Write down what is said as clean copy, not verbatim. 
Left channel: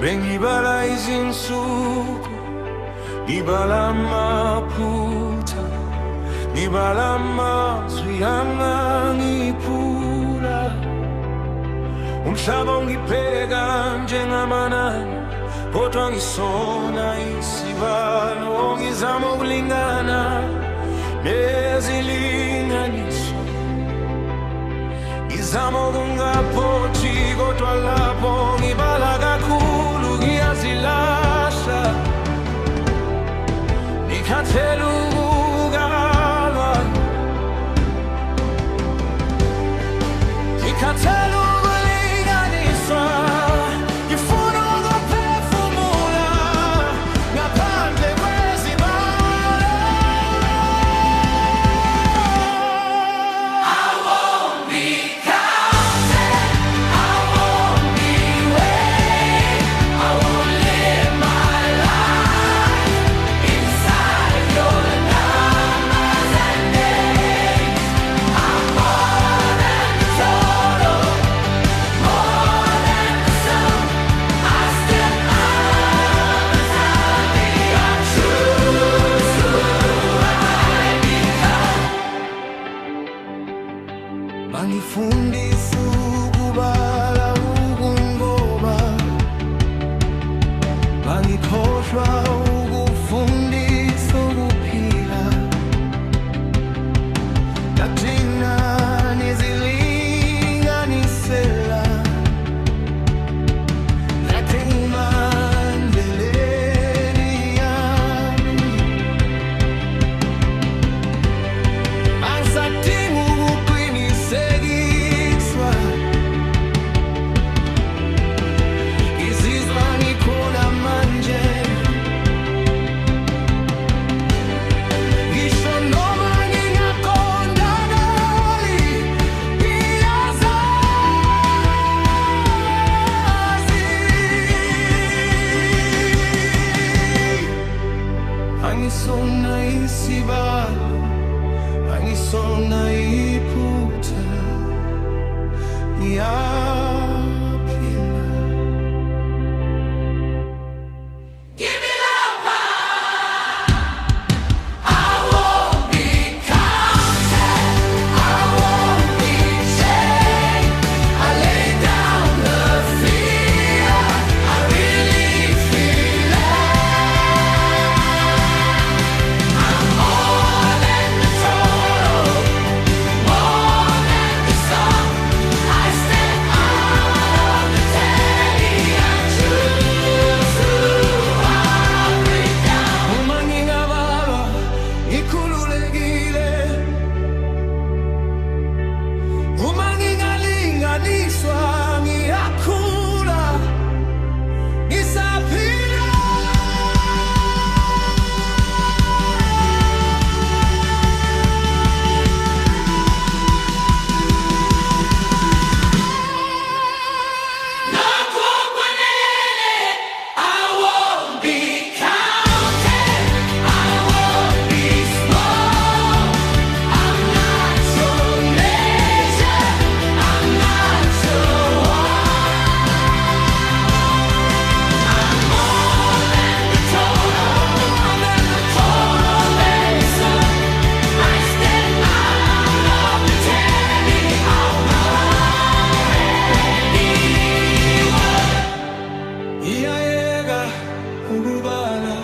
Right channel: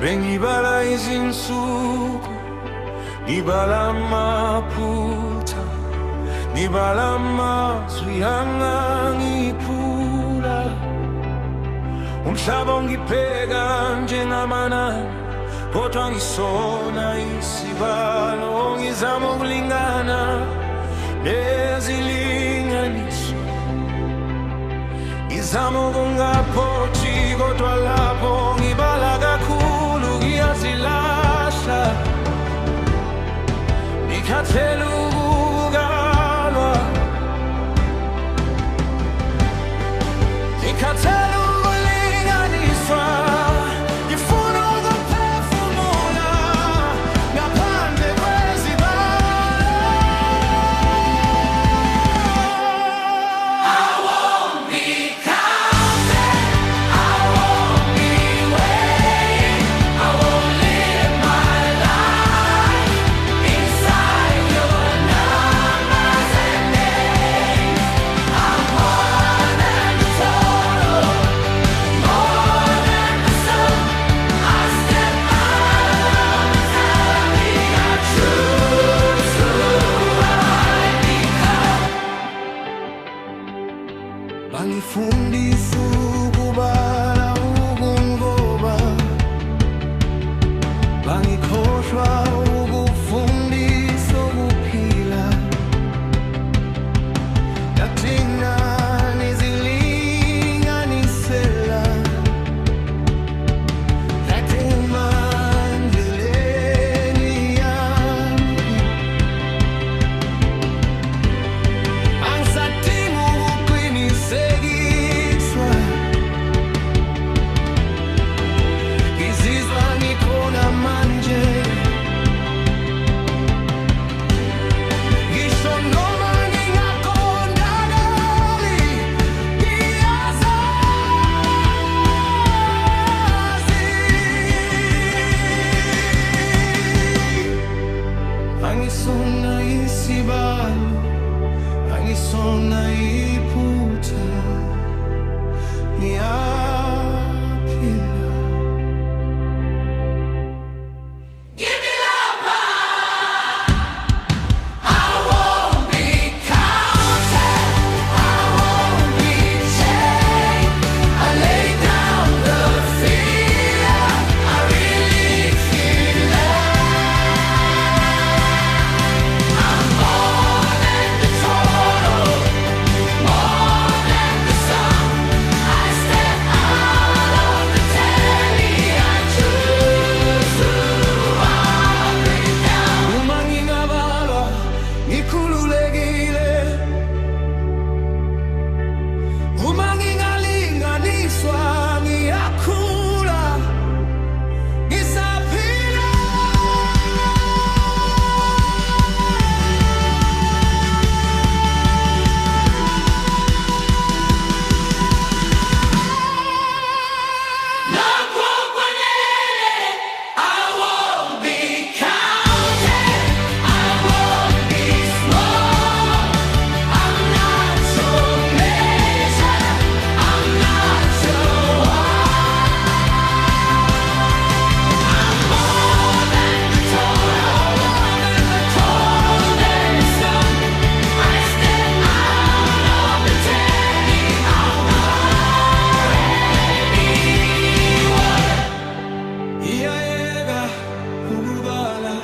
Bengibala izinsuku, ngibala amaphutha, ngibala amazwi angangiphula. Umhlaba ungipheka njengamanani, kodwa ngisona isibalo. Ngizama ukulingana nezilinganiso, ngizama ukungaphothi, kodwa lapho ngibala kakhulu ngiyazilahla. Ngikhathele ukukalwa, ngikhathele ukulinganiswa. Ngifuna ukuphefumula ngaphandle kwezibalo. I won't be counted, I won't be weighed, I won't live my life inside your numbers and names. I'm more than the total, more than the sum. I step out of the tally, I choose who I become. Bangifundisa ukubala ukungoba, bangikhohlwa ukufundisa ukuphila. Ngathina nezilinganisela, ngathuma endleleni yami. Angisadingi ukuqinisekiswa, ngizizwa ngikhona manje. Ngisho noma ngingaqondakali, ngiyazazi angisona isibalo, angisona iphutha, ngiyaphila. Give it up, I won't be counted, I won't be chained. I lay down the fear, I release I'm more than the total, more than the sum. I step out of the tally, I choose who I'll bring down. Uma ngingabalwa ngikhululekile, uma ngingalinganiswa ngiyakhula, ngisaphila. Nokho kwanele, I won't be counted, I won't be small. I'm not your measure, I'm not your I'm more than the total, more than the total sum. I step out of the tally, I'm already won. Iyayeka ukubala,